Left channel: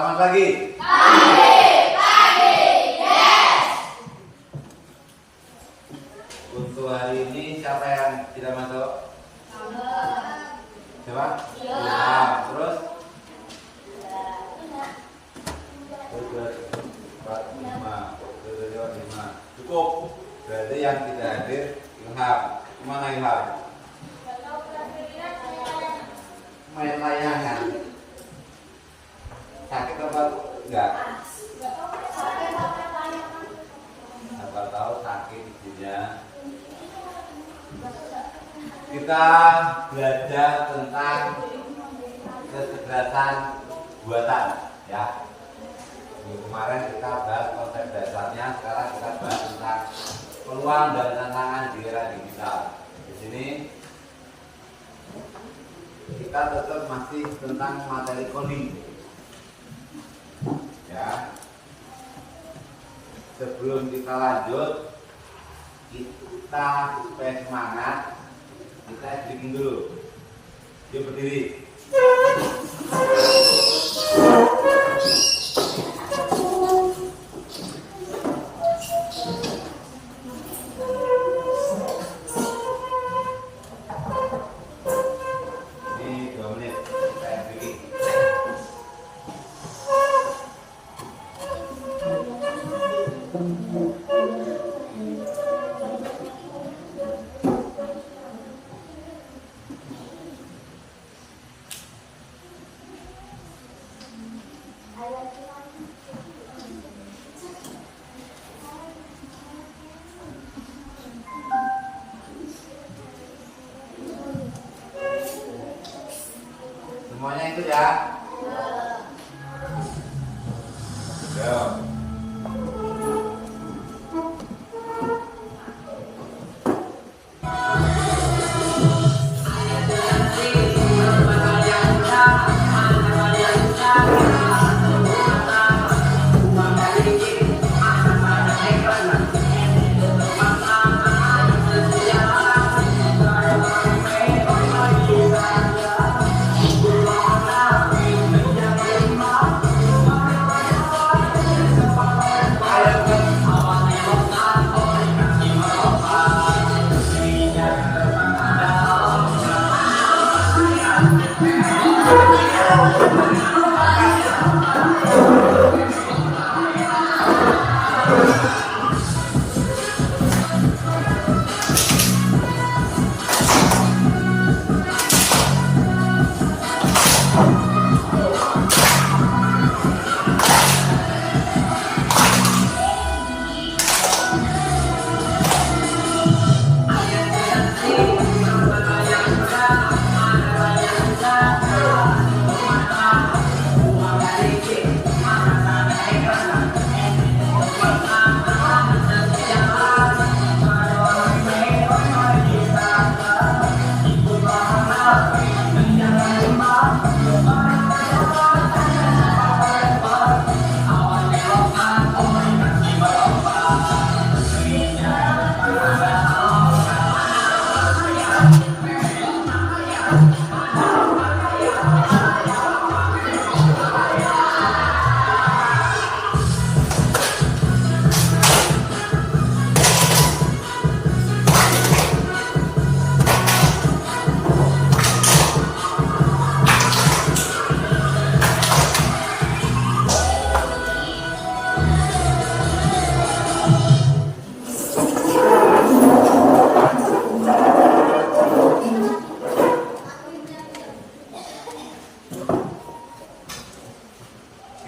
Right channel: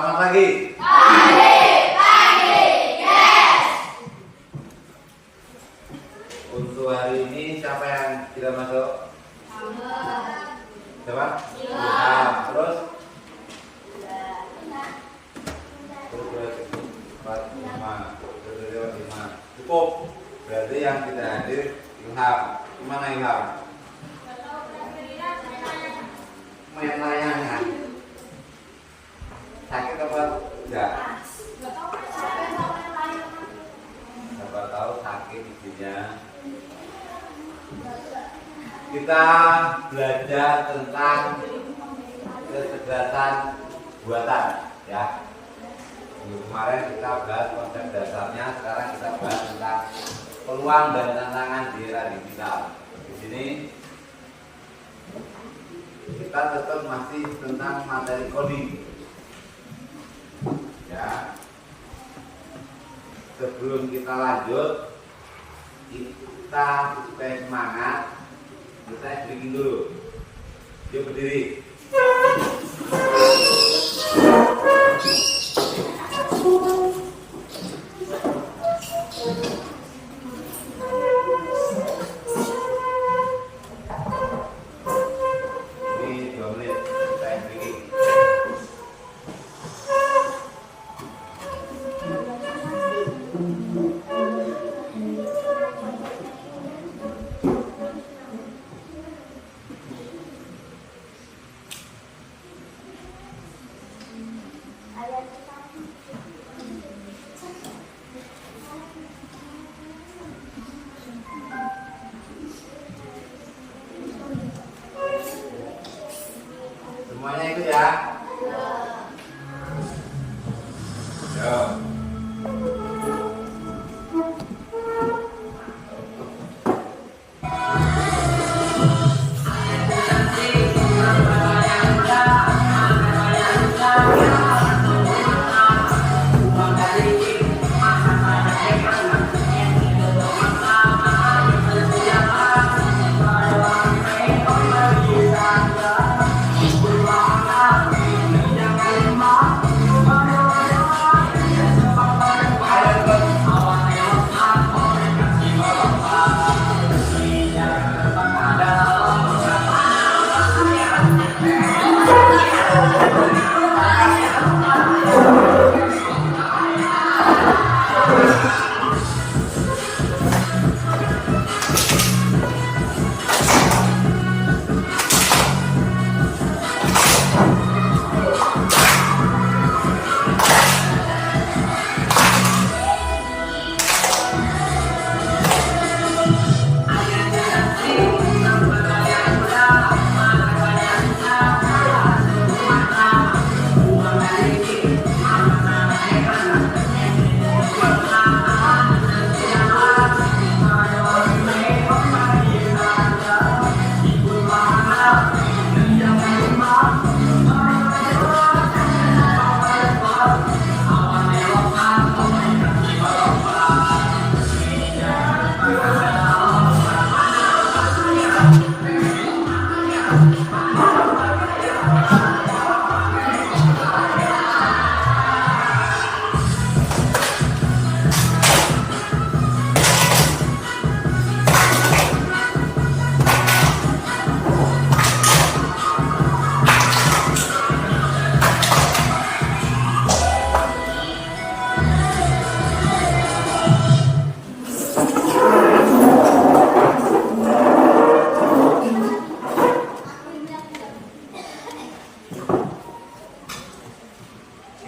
Selamat pagi. Pagi, yes. Untuk hari ini siapa yang tidak masuk? Siapa? Ilham. Terus? 4, 5. Cukup. Berarti yang tidak hadir Ilham. Gimana Ilham? Main layangan. Sakit apa enggak? Siapa tahu sakit ibunya. Kita belajar tentang kecerdasan buatan, ya. Minggu kemarin kita bahas konsep dasarnya, sekarang kita bahas tentang peluang dan tantangan di era digital. Di sini kita tetap masih tentang materi coding, ya. Sebelum kita lanjut, kita supaya semangat, kita bikin dulu. Yuk berdiri. Ini 2 menit, kita bikin. Semuanya itu ya. Yo.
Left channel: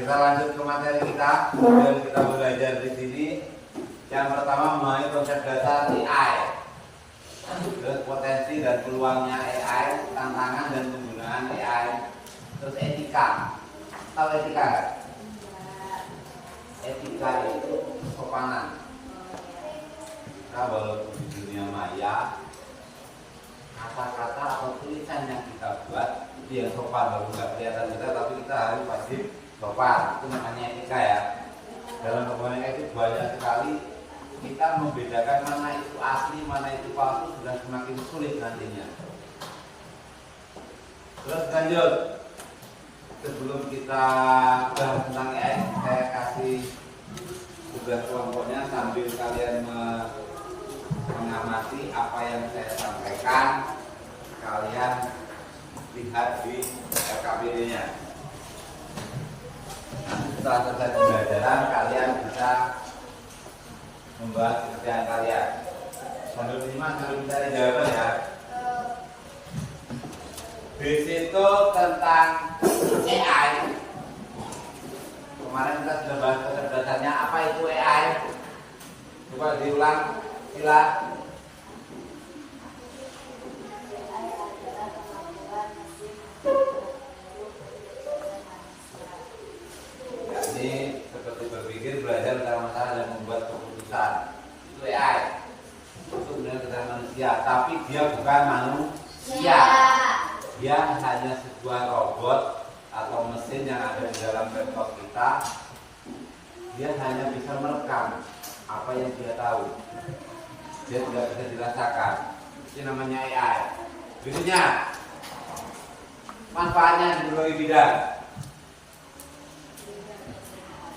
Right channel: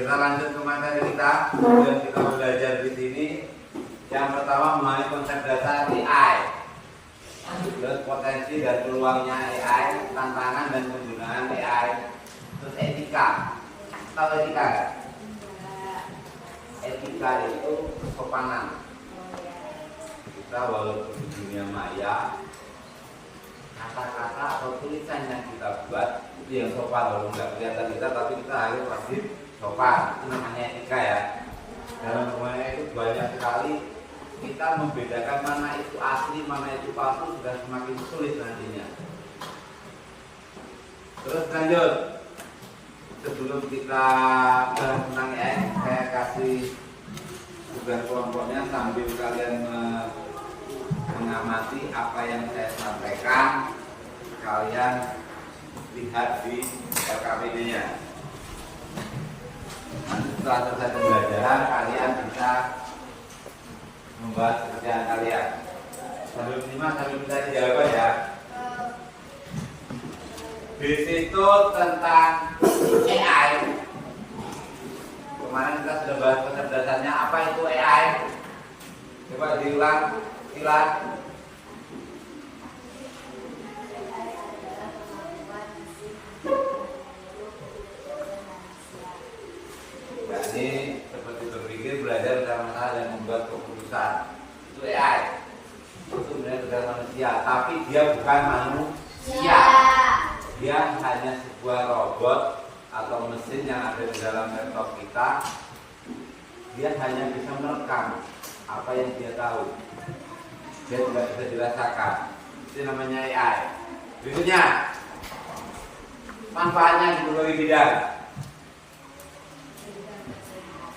Kita lanjut ke materi kita dan kita belajar di sini. Yang pertama memahami konsep dasar AI, terus potensi dan peluangnya AI, tantangan dan penggunaan AI, terus etika. Tahu etika nggak? Etika itu kesopanan. Kita walaupun di dunia maya, kata-kata atau tulisan yang kita buat itu yang sopan, walaupun nggak kelihatan kita, tapi kita harus wajib sopan. Itu namanya etika, ya. Dalam hubungan itu banyak sekali kita membedakan mana itu asli, mana itu palsu sudah semakin sulit nantinya. Terus lanjut. Sebelum sebelum kita bahas tentang AI, saya kasih tugas kelompoknya sambil kalian mengamati apa yang saya sampaikan, kalian lihat di LKPD-nya. Nanti setelah selesai pembelajaran, kalian bisa membahas pekerjaan kalian. Menurut 5 sampai kita dijawab ya. Di situ tentang AI. Kemarin kita sudah bahas kecerdasannya. Apa itu AI? Coba diulang, sila. Jadi seperti berpikir, belajar tentang masalah dan membuat keputusan. Itu AI. Itu benar-benar manusia, tapi dia bukan manusia. Dia hanya sebuah robot atau mesin yang ada di dalam laptop kita. Dia hanya bisa merekam apa yang dia tahu. Dia tidak bisa dirasakan. Itu namanya AI. Berikutnya, manfaatnya di berbagai bidang.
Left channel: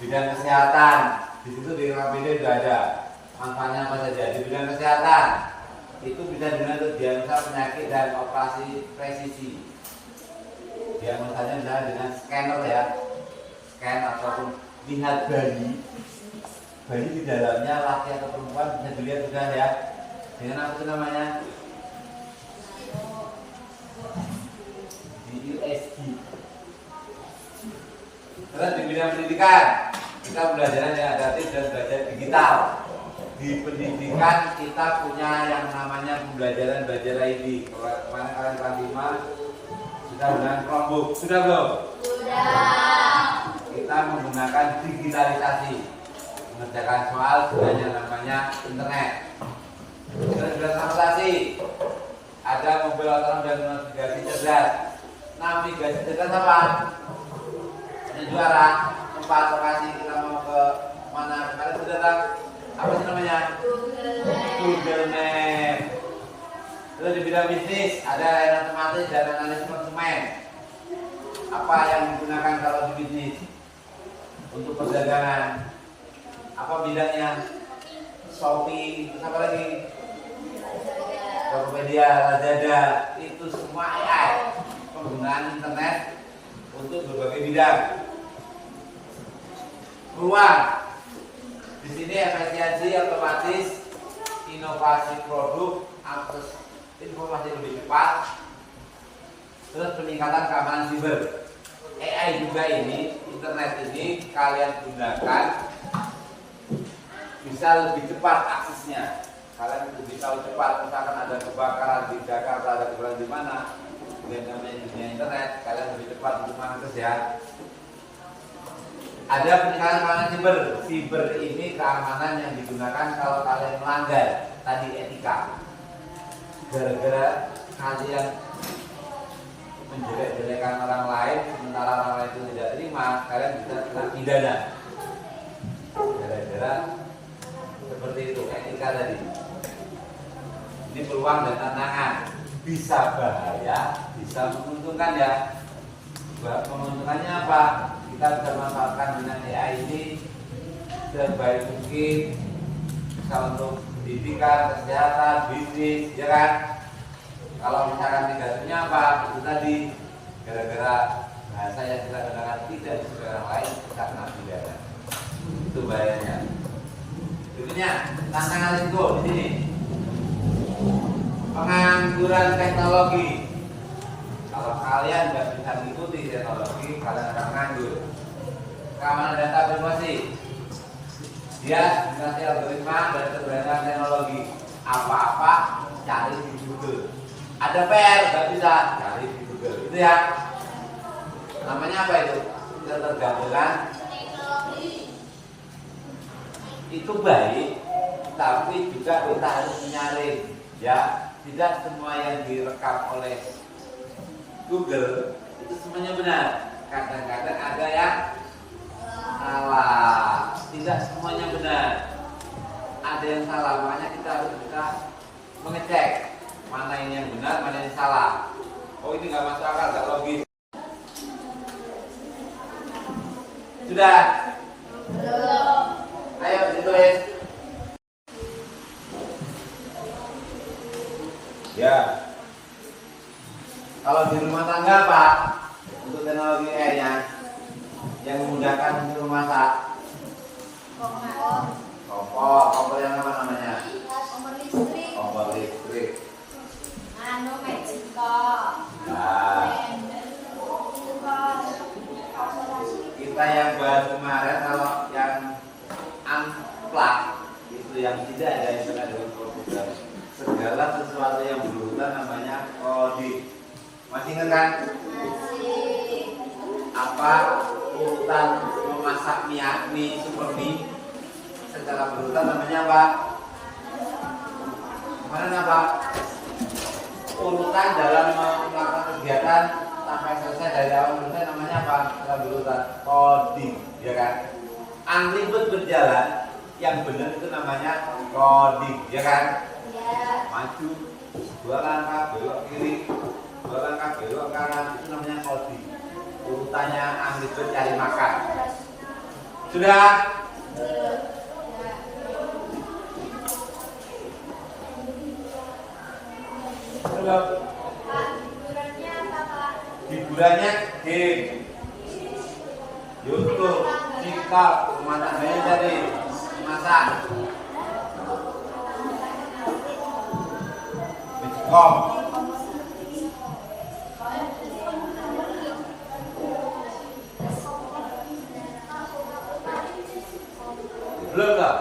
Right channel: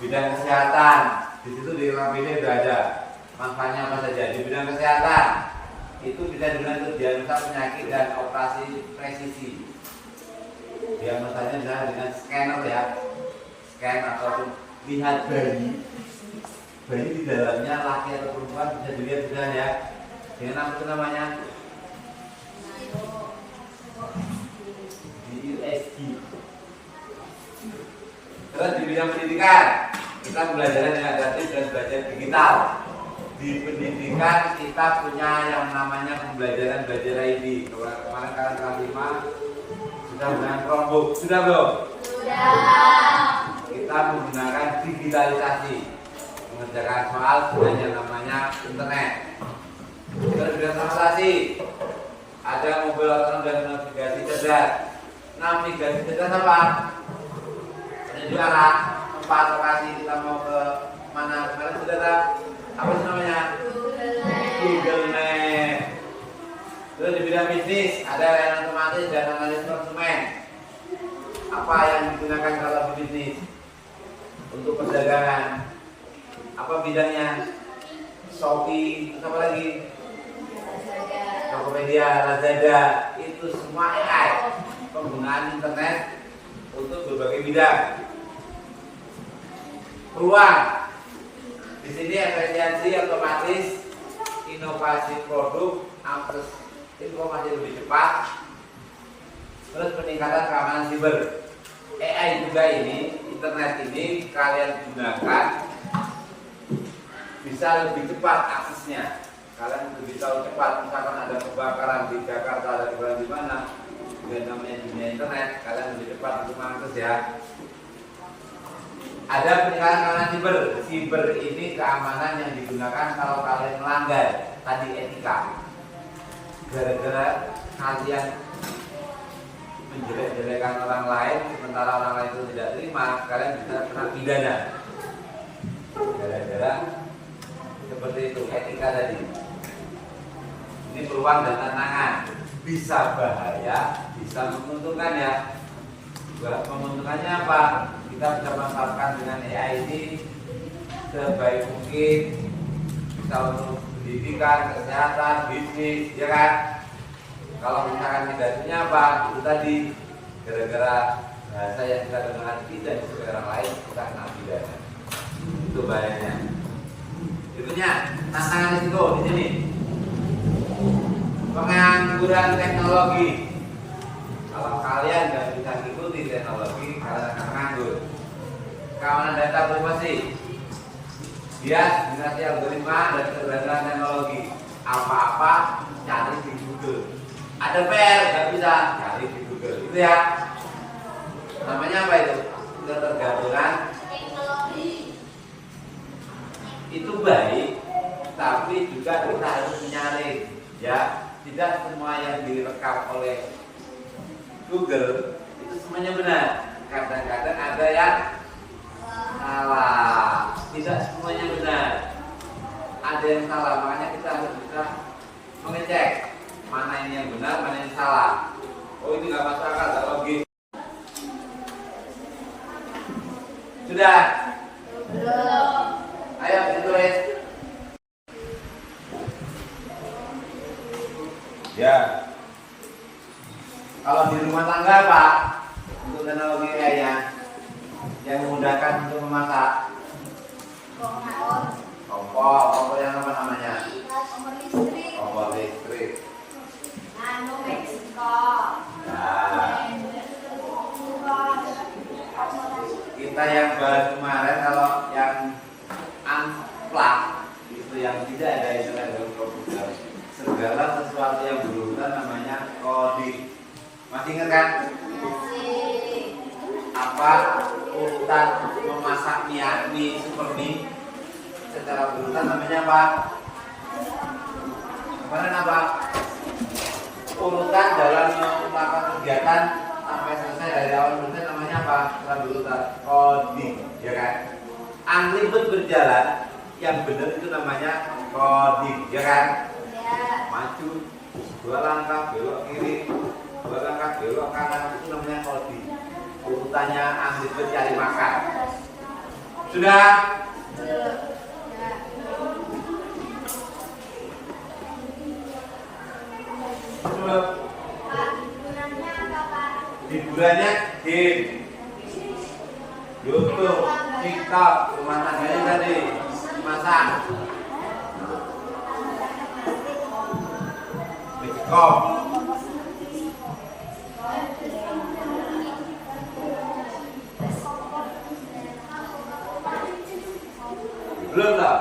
Bidang kesehatan, di situ di LKPD sudah ada. Manfaatnya apa saja? Di bidang kesehatan itu bisa digunakan untuk diagnosa penyakit dan operasi presisi. Diagnosanya misalnya dengan scanner ya, scan ataupun lihat bayi di dalamnya laki atau perempuan bisa dilihat juga ya. Dengan apa itu namanya? USG. Terus di bidang pendidikan kita belajar yang adaptif dan belajar digital. Di pendidikan kita punya yang namanya pembelajaran belajar ID. Kemarin kalian kelas 5 sudah dengan Chromebook, sudah belum? Sudah. Kita menggunakan digitalisasi mengerjakan soal dengan yang namanya internet. Terus bidang transportasi ada mobil otonom dan navigasi cerdas. Navigasi cerdas apa? Penunjuk arah, tempat lokasi kita mau ke mana. Kalian sudah tahu apa itu namanya? Google Map. Terus di bidang bisnis ada layanan otomatis dan analis konsumen. Apa yang digunakan kalau di bisnis untuk perdagangan? Apa bidangnya? Shopee, terus apa lagi? Tokopedia, Lazada, itu semua AI. Penggunaan internet untuk berbagai bidang. Peluang. Di sini efisiensi otomatis, inovasi produk, akses informasi lebih cepat, terus peningkatan keamanan siber. AI juga ini, internet ini kalian gunakan bisa lebih cepat aksesnya. Kalian lebih tahu cepat, misalkan ada kebakaran di Jakarta, ada kebakaran di mana, dengan namanya dunia internet, kalian lebih cepat untuk mengakses ya. Ada peningkatan keamanan siber. Siber ini keamanan yang digunakan kalau kalian melanggar tadi etika. Gara-gara kalian menjelek-jelekan orang lain, sementara orang lain itu tidak terima, kalian bisa kena pidana. Gara-gara seperti itu etika tadi. Ini peluang dan tantangan. Bisa bahaya, bisa menguntungkan ya. Menguntungkannya apa? Kita bisa manfaatkan dengan AI ini sebaik mungkin, bisa untuk pendidikan, kesehatan, bisnis, ya kan? Kalau misalkan negasinya apa? Itu tadi gara-gara bahasa yang kita gunakan tidak sesuai orang lain, kita kena pidana. Itu bahayanya. Berikutnya tantangan itu di sini. Pengangguran teknologi. Kalau kalian nggak bisa mengikuti teknologi, kalian akan menganggur. Keamanan data privasi. Dia dinasti algoritma dan keberadaan teknologi. Apa-apa cari di Google. Ada PR nggak bisa cari di Google. Itu ya. Namanya apa itu? Ketergantungan teknologi. Itu baik, tapi juga kita harus menyaring. Ya, tidak semua yang direkam oleh Google itu semuanya benar. Kadang-kadang ada yang salah. Tidak semuanya benar. Ada yang salah, makanya kita harus bisa mengecek mana ini yang benar, mana yang salah. Oh ini nggak masuk akal, nggak logis. Sudah? Belum. Ayo ditulis. Ya. Kalau di rumah tangga Pak, untuk teknologi AI yang memudahkan untuk memasak. Kompor yang apa namanya? Kompor listrik. Kompor listrik. Nano Meksiko. Nah, kita yang bahas kemarin kalau yang unplug itu yang tidak ada internet dalam komputer, segala sesuatu yang berurutan namanya coding. Masih ingat kan? Masih. Apa urutan memasak mie super mie secara berurutan namanya apa? Kemarin apa? Urutan dalam melakukan kegiatan sampai selesai dari awal mulai namanya apa? Secara berurutan coding, ya kan? Unlimited berjalan, yang benar itu namanya coding, ya kan? Ya. Maju, 2 langkah belok kiri, 2 langkah belok kanan, itu namanya coding. Urutannya unlimited cari makan. Sudah? Belum. Pak, hiburannya apa Pak? Hiburannya game, YouTube, TikTok, rumah tangganya tadi masak, Bitkom. Belum lah.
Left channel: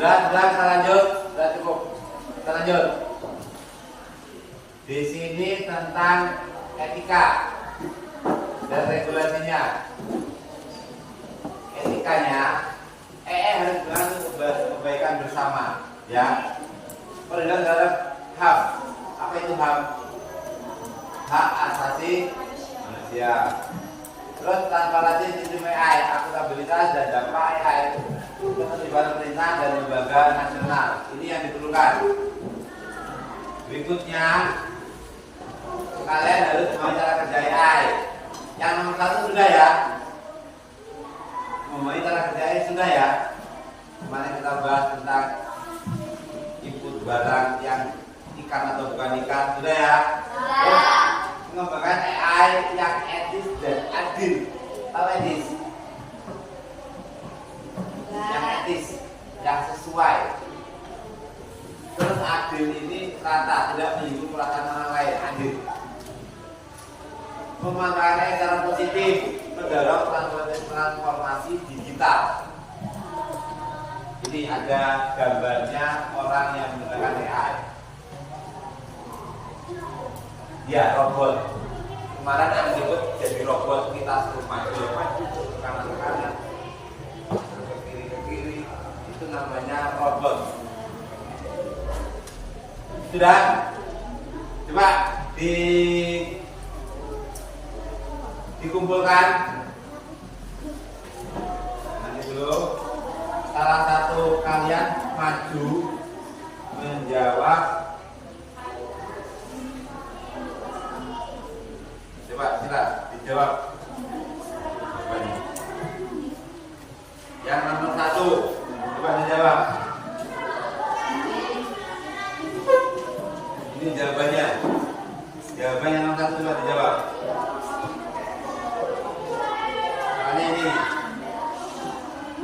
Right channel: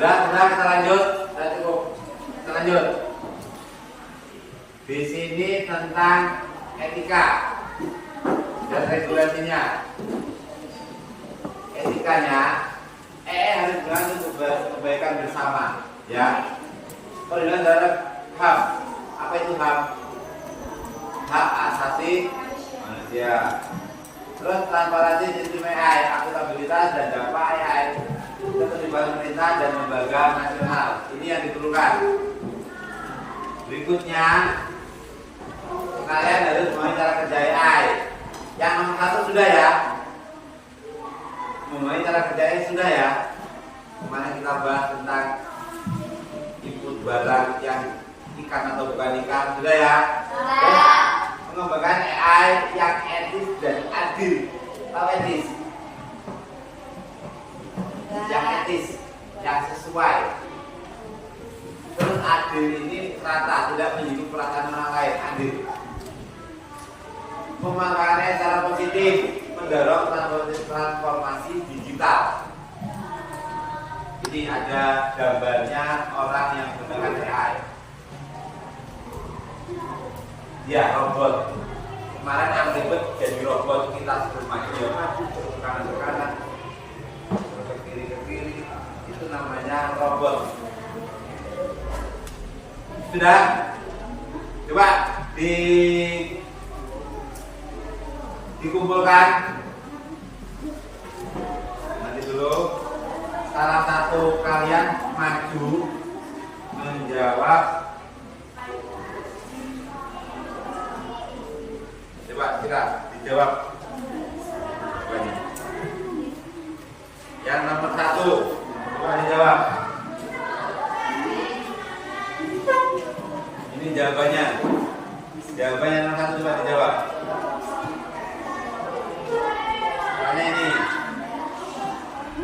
Sudah, kita lanjut. Sudah cukup. Kita lanjut. Di sini tentang etika dan regulasinya. Etikanya, harus berlaku kebaikan bersama, ya. Kalau dilihat dalam HAM, apa itu HAM? Hak asasi manusia. Terus transparansi sistem AI, akuntabilitas dan dampak AI, keterlibatan pemerintah dan lembaga nasional. Ini yang diperlukan. Berikutnya, kalian harus memahami cara kerja AI. Yang nomor 1 sudah ya. Memahami cara kerja AI sudah ya. Kemarin kita bahas tentang input barang yang ikan atau bukan ikan, sudah ya. Sudah. Mengembangkan AI yang etis dan adil. Tahu etis? Yang etis, yang sesuai. Terus adil ini rata, tidak menyinggung perasaan orang lain, adil. Memanfaatkan secara positif, mendorong transformasi digital. Ini ada gambarnya orang yang menggunakan AI. Ya, robot. Kemarin yang ribet jadi robot, kita suruh maju ke kanan ke kanan, ke kiri ke kiri, itu namanya robot. Sudah? Coba dikumpulkan. Nanti dulu salah satu kalian maju menjawab. Coba kita dijawab. Yang nomor 1, coba dijawab. Ini jawabannya. Jawabannya nomor 1 coba dijawab. Soalnya ini.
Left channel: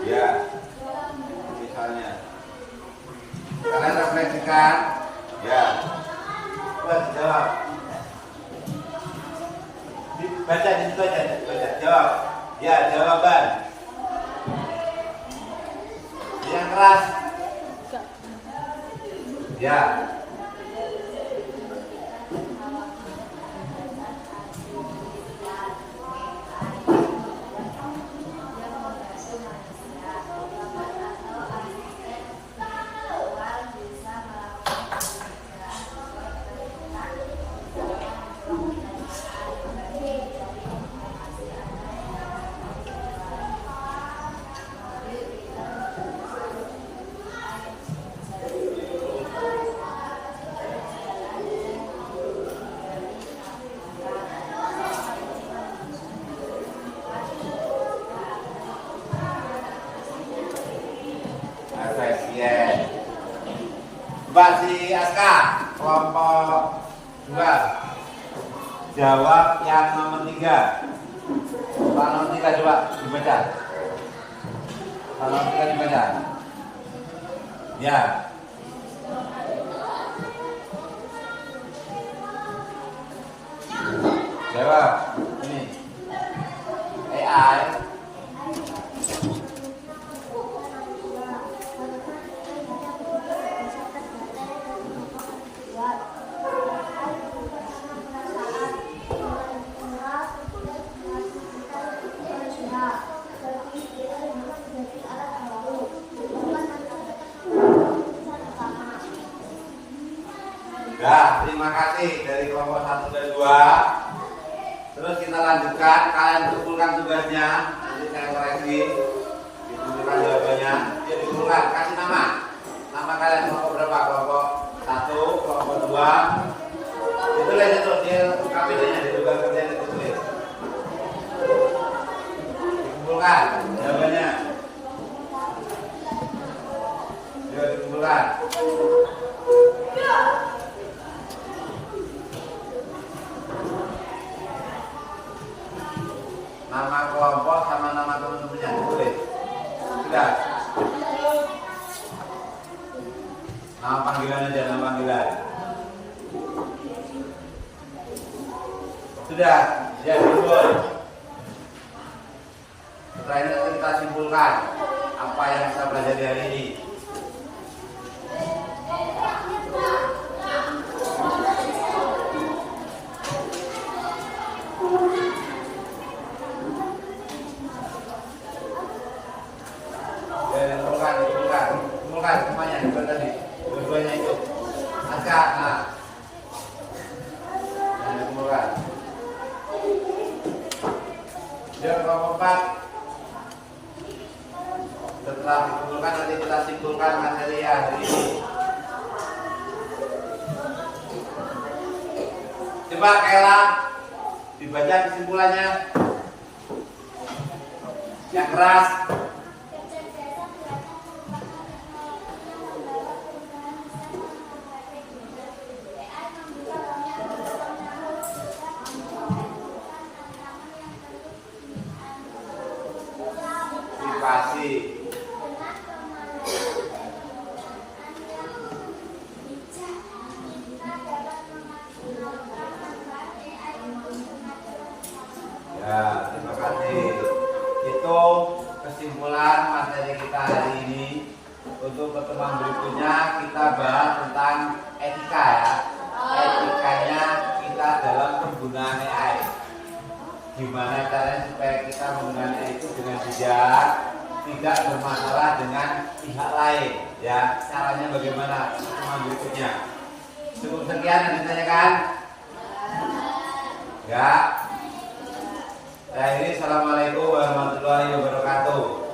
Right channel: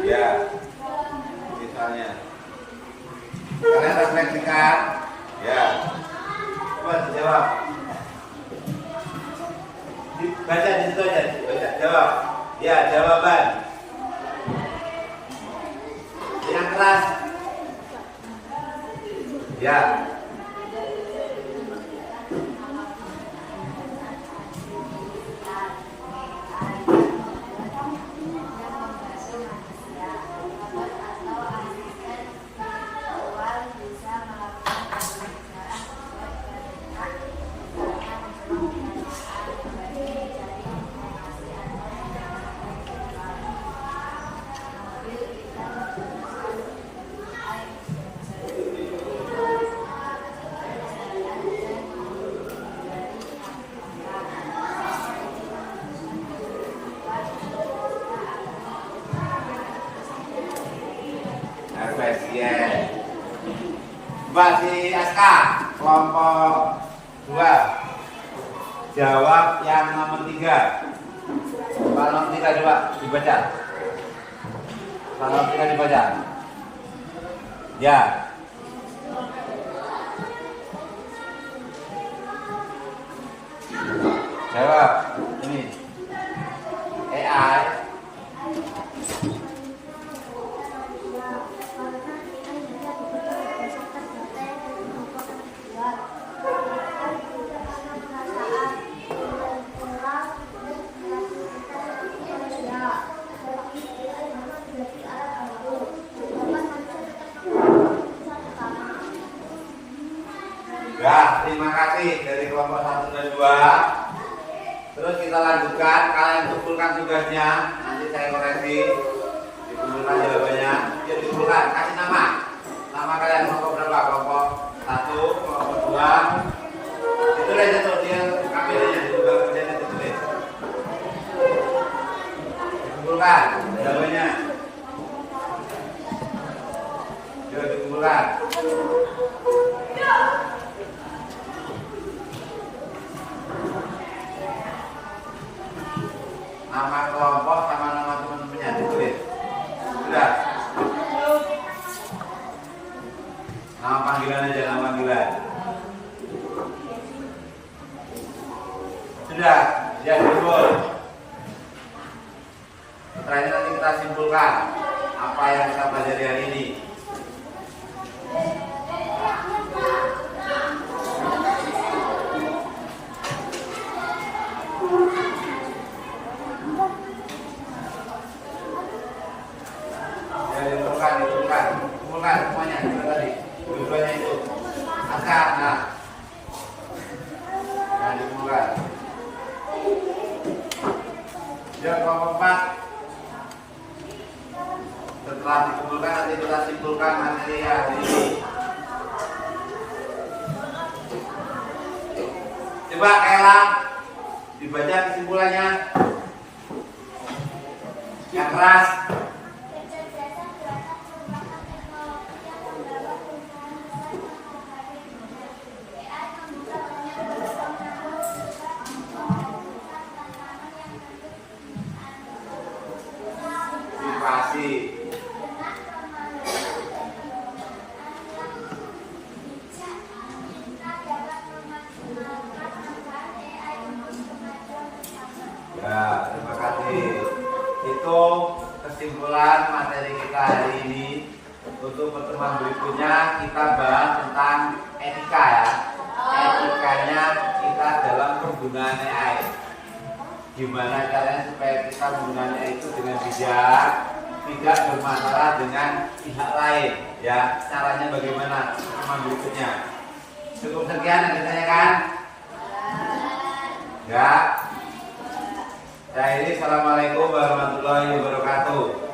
Ya. Misalnya. Kalian refleksikan. Ya. Coba dijawab. Baca di situ aja, baca. Jawab. Ya, jawaban. Yang keras. Ya. Efisien. Mbak si Aska, kelompok 2. Jawab yang nomor 3. Pak nomor 3 coba dibaca. Pak nomor 3 dibaca. Ya. Jawab. Ini. AI. Ya, terima kasih dari kelompok 1 dan 2. Terus kita lanjutkan, kalian kumpulkan tugasnya. Nanti saya koreksi. Dikumpulkan jawabannya. Ya dikumpulkan, kasih nama. Nama kalian kelompok berapa? Kelompok 1, kelompok 2. Ditulis itu dia KPD-nya di tugas kerjanya ditulis. Dikumpulkan jawabannya. Juga dikumpulkan. Nama kelompok sama nama teman-temannya ditulis. Sudah. Nama panggilan aja, nama panggilan. Sudah, ya simpul. Setelah ini nanti kita simpulkan apa yang kita pelajari hari ini. Kumpulkan semuanya, itu tadi, dua-duanya itu. Angkat, nah, dikumpulkan. Yang kelompok 4. Setelah dikumpulkan nanti kita simpulkan materi hari ini. Coba Kela dibaca kesimpulannya. Yang keras. Ya, terima kasih. Itu kesimpulan materi kita hari ini. Untuk pertemuan berikutnya kita bahas tentang etika ya. Etikanya kita dalam penggunaan AI. Gimana caranya supaya kita menggunakan AI itu dengan bijak, tidak bermasalah dengan pihak lain ya. Caranya bagaimana pertemuan berikutnya. Cukup sekian yang ditanyakan? Ya. Saya ini, assalamualaikum warahmatullahi wabarakatuh.